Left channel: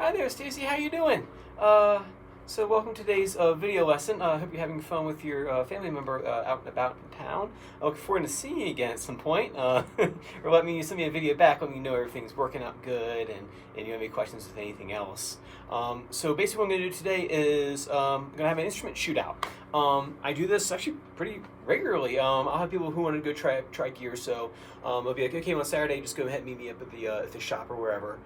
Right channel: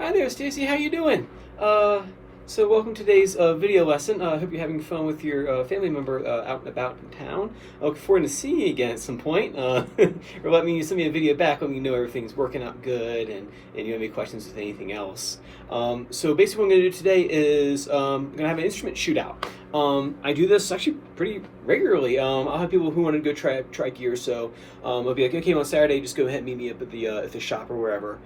Hi there, Stacy. How you doing? So welcome to today's video lesson. I hope you're having fun with your family member out and about in town. I look forward to seeing you again at some point. Or let me send me a video back, let me know everything's working out good and you have any questions with anything else. So basically what I'm going to do today is I'm going to have an instrument shootout. I do this actually pretty regularly. I'll have people who want to go try gear, so I'll be like, okay, on Saturday, just go ahead and meet me up at the shop or wherever.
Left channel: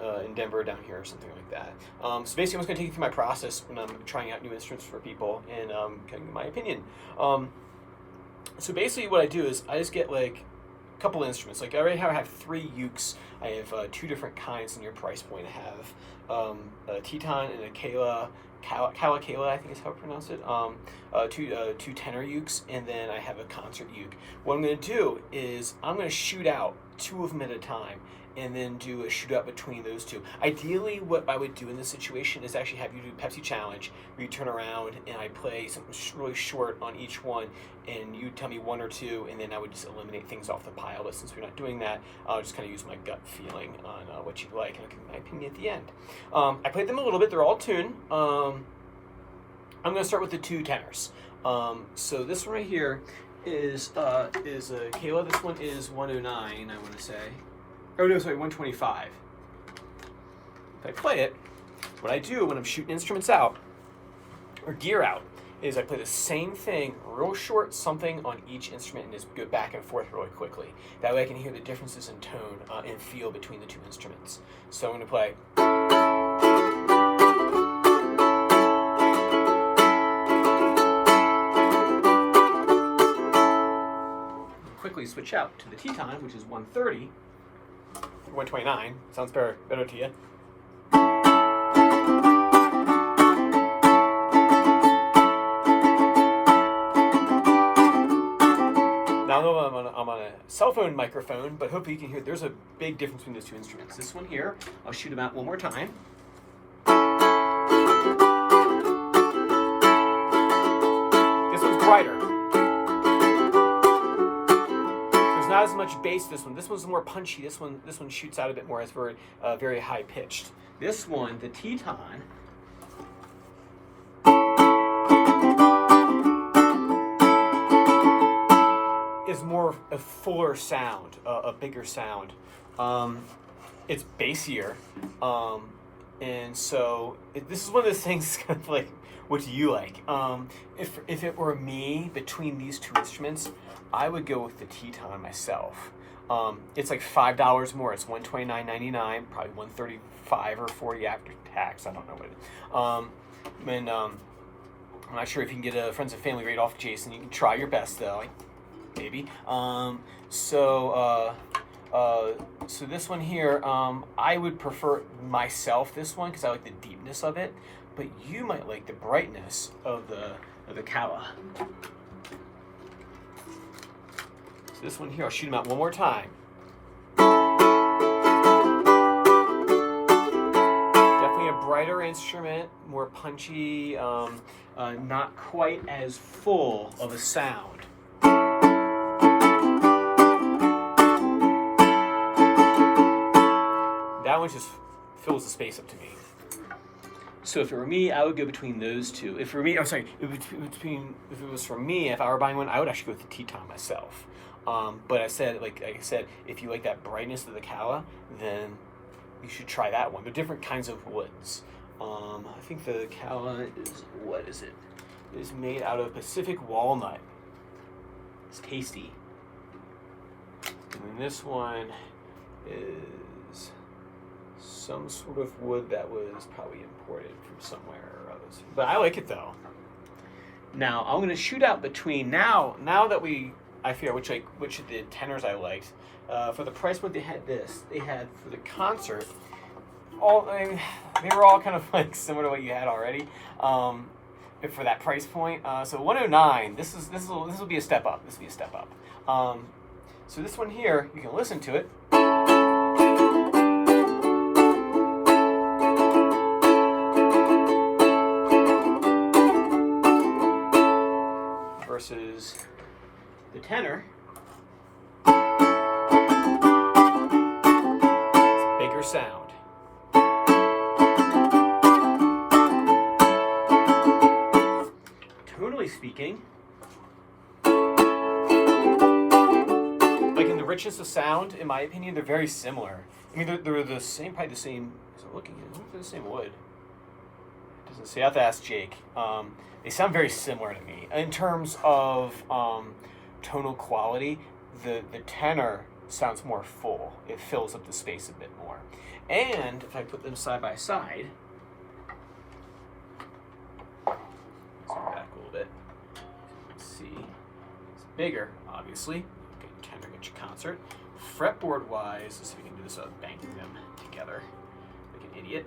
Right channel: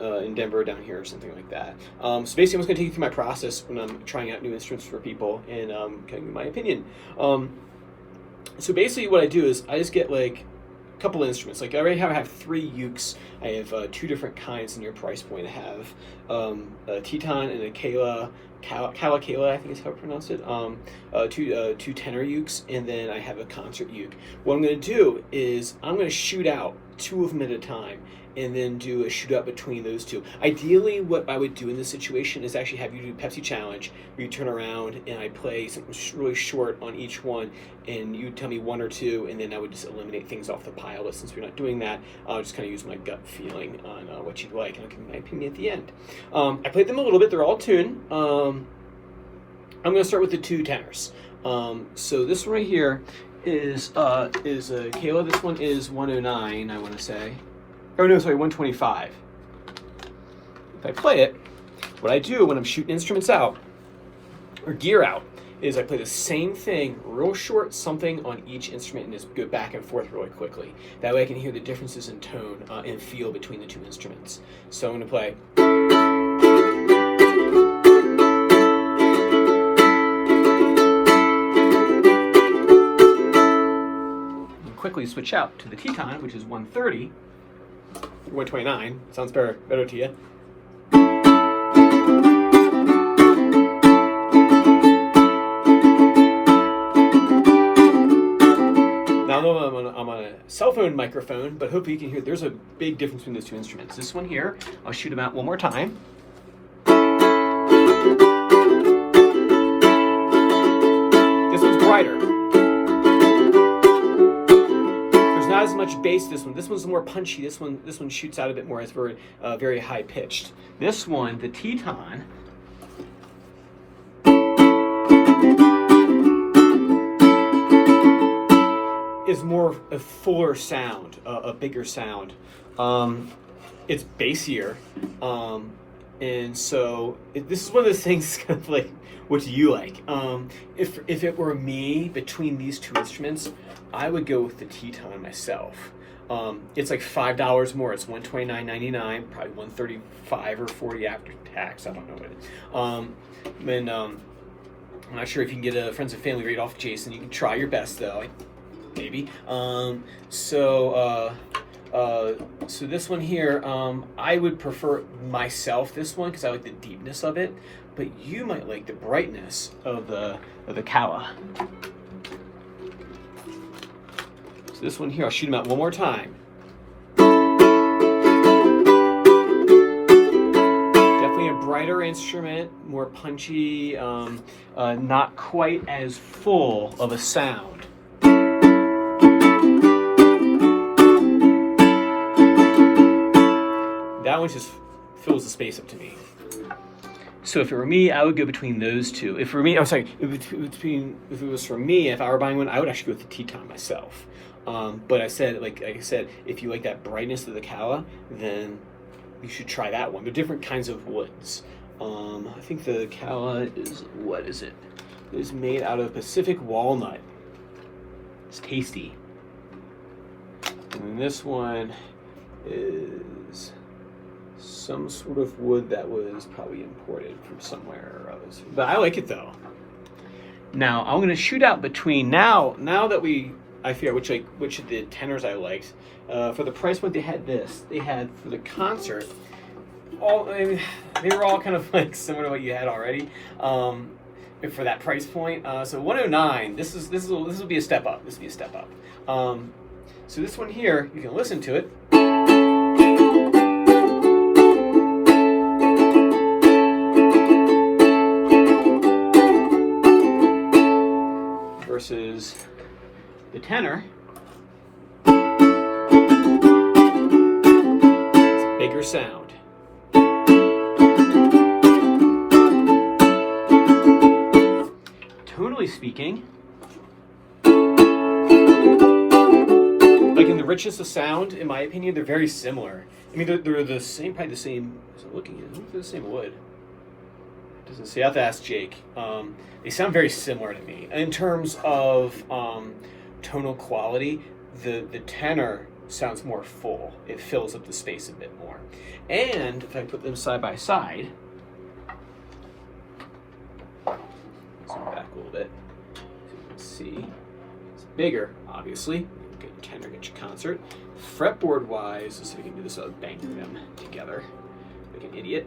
In Denver or down here or something like that. So basically I'm just going to take you through my process when I'm trying out new instruments for people and giving my opinion. So basically what I do is I just get like a couple of instruments. Like I already have 3 ukes. I have 2 different kinds in your price point. I have a Teton and a Kala, I think is how I pronounce it. Two tenor ukes, and then I have a concert uke. What I'm going to do is I'm going to shoot out 2 of them at a time, and then do a shootout between those 2. Ideally, what I would do in this situation is actually have you do Pepsi Challenge, where you turn around and I play something really short on each one, and you tell me 1 or 2, and then I would just eliminate things off the pile. But since we're not doing that, I'll just kind of use my gut feeling on what you like, and I'll give you my opinion at the end. I played them a little bit. They're all tuned. I'm going to start with the 2 tenors. So this one right here is a Kala. This one is 109, I want to say. Oh no, sorry, 125. If I play it, what I do when I'm shooting instruments out, or gear out, is I play the same thing, real short something on each instrument, and just go back and forth really quickly. That way I can hear the differences in tone and feel between the 2 instruments. So I'm going to play. And quickly switch out to the Teton, which is 130. 129 sounds better to you. Now I know I'm on a cell phone microphone, but hopefully you can hear there's a big difference between those 2 instruments. This one here, I'll shoot them out one more time. This one's brighter. Not as much bass. This one's more punchy. This one shoots out a bit more. It's very high pitched. This one, the Teton, is more a fuller sound, a bigger sound. It's bassier, and so this is one of those things kind of like, what do you like? If it were me between these 2 instruments, I would go with the Teton myself. It's like $5 more. It's $129.99, probably $135 or $40 after tax. I don't know what it is. I'm not sure if you can get a friends and family rate off Jason. You can try your best though, maybe. So this one here, I would prefer myself this one because I like the deepness of it, but you might like the brightness of the Kala. So this one here, I'll shoot them out one more time. Definitely a brighter instrument, more punchy, not quite as full of a sound. That one just fills the space up to me. So if it were me, I would go between those 2. If it were me, if it was for me, if I were buying one, I would actually go with the Teton myself. But like I said, if you like that brightness of the Kala, then you should try that one. They're different kinds of woods. I think the Kala is, what is it? It is made out of Pacific walnut. It's tasty. And then this one is some sort of wood that was probably imported from somewhere or others. But I like it though. Now I'm gonna shoot out between now that I figure out which of the tenors I liked. For the price point, they had this. They had for the concert. They were all kind of like similar to what you had already. For that price point, so 109. This will be a step up. This will be a step up. So this one here, you can listen to it. Versus the tenor. It's a bigger sound. generally speaking, like in the richness of sound, in my opinion, they're very similar. I mean, they're the same, probably the same. So looking at them, they're the same wood. Doesn't say. I have to ask Jake. They sound very similar to me in terms of tonal quality. The tenor sounds more full. It fills up the space a bit more. And if I put them side by side, zoom back a little bit, so you can see it's bigger, obviously. Get your tenor, get your concert. Fretboard wise, let's see if we can do this without banging them together like an idiot.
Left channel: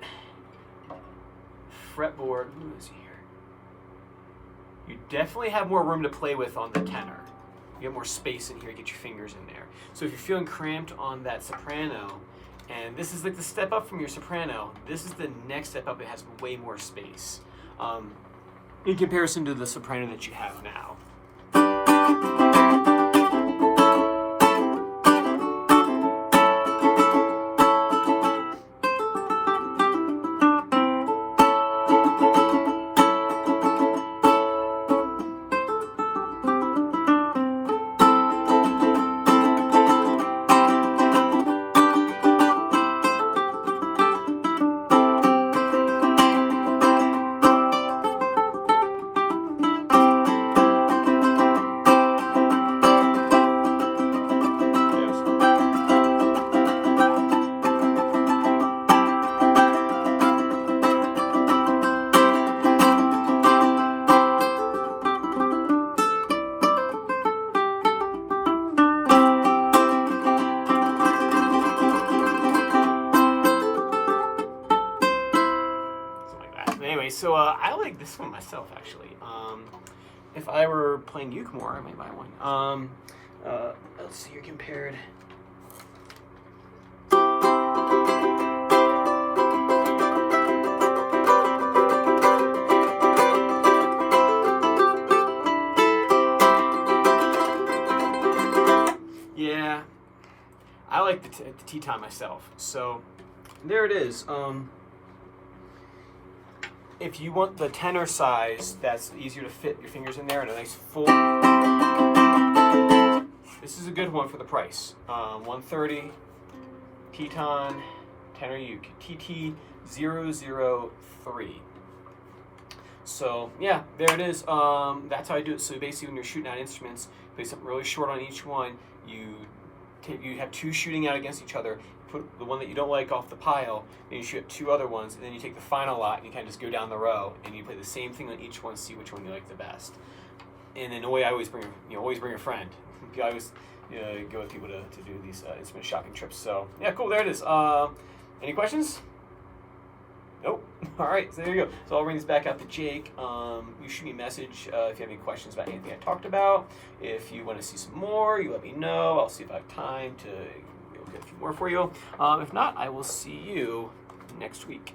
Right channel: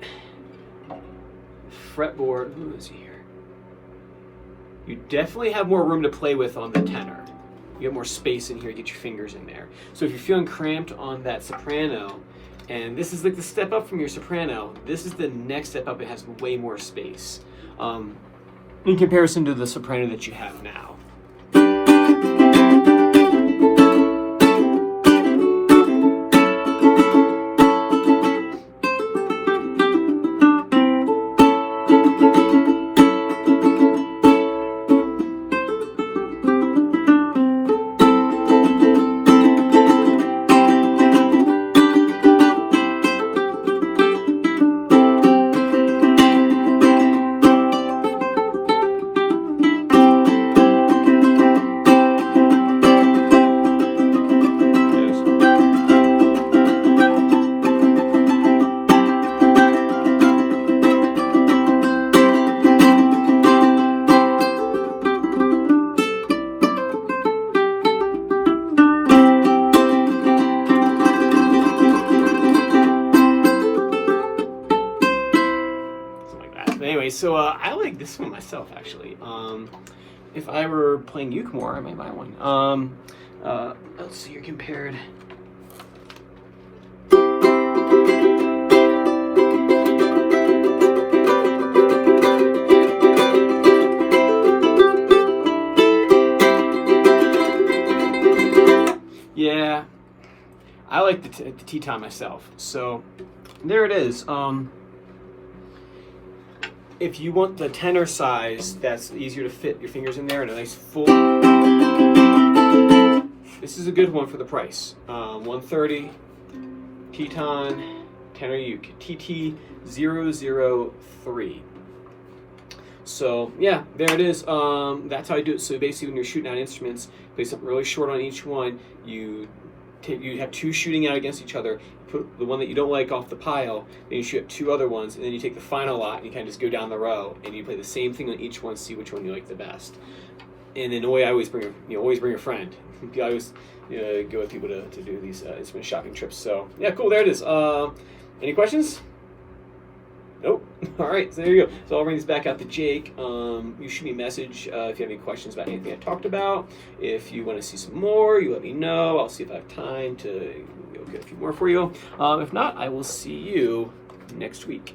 Fretboard, let's see here. You definitely have more room to play with on the tenor. You have more space in here to get your fingers in there. So if you're feeling cramped on that soprano, and this is like the step up from your soprano, this is the next step up. It has way more space in comparison to the soprano that you have now. Anyway, so I like this one myself, actually. If I were playing uke more, I might buy one. Let's see here, compared. Yeah, I like the Teton myself. So there it is. If you want the tenor size that's easier to fit your fingers in there and a nice full, this is a good one for the price. 130 Teton tenor uke, TT003. So yeah, there it is. That's how I do it. So basically, when you're shooting out instruments, play something really short on each one. You have two shooting out against each other. Put the one that you don't like off the pile, then you shoot two other ones, and then you take the final lot and you kind of just go down the row and you play the same thing on each one, see which one you like the best. And in a way, I always bring always bring a friend. I always go with people to do these instrument shopping trips. So yeah, cool. There it is. Any questions? Nope. All right, so there you go. So I'll bring this back out to Jake. You shoot me a message if you have any questions about anything I talked about. If you want to see some more, you let me know. I'll see if I have time to get a few more for you. If not, I will see you next week.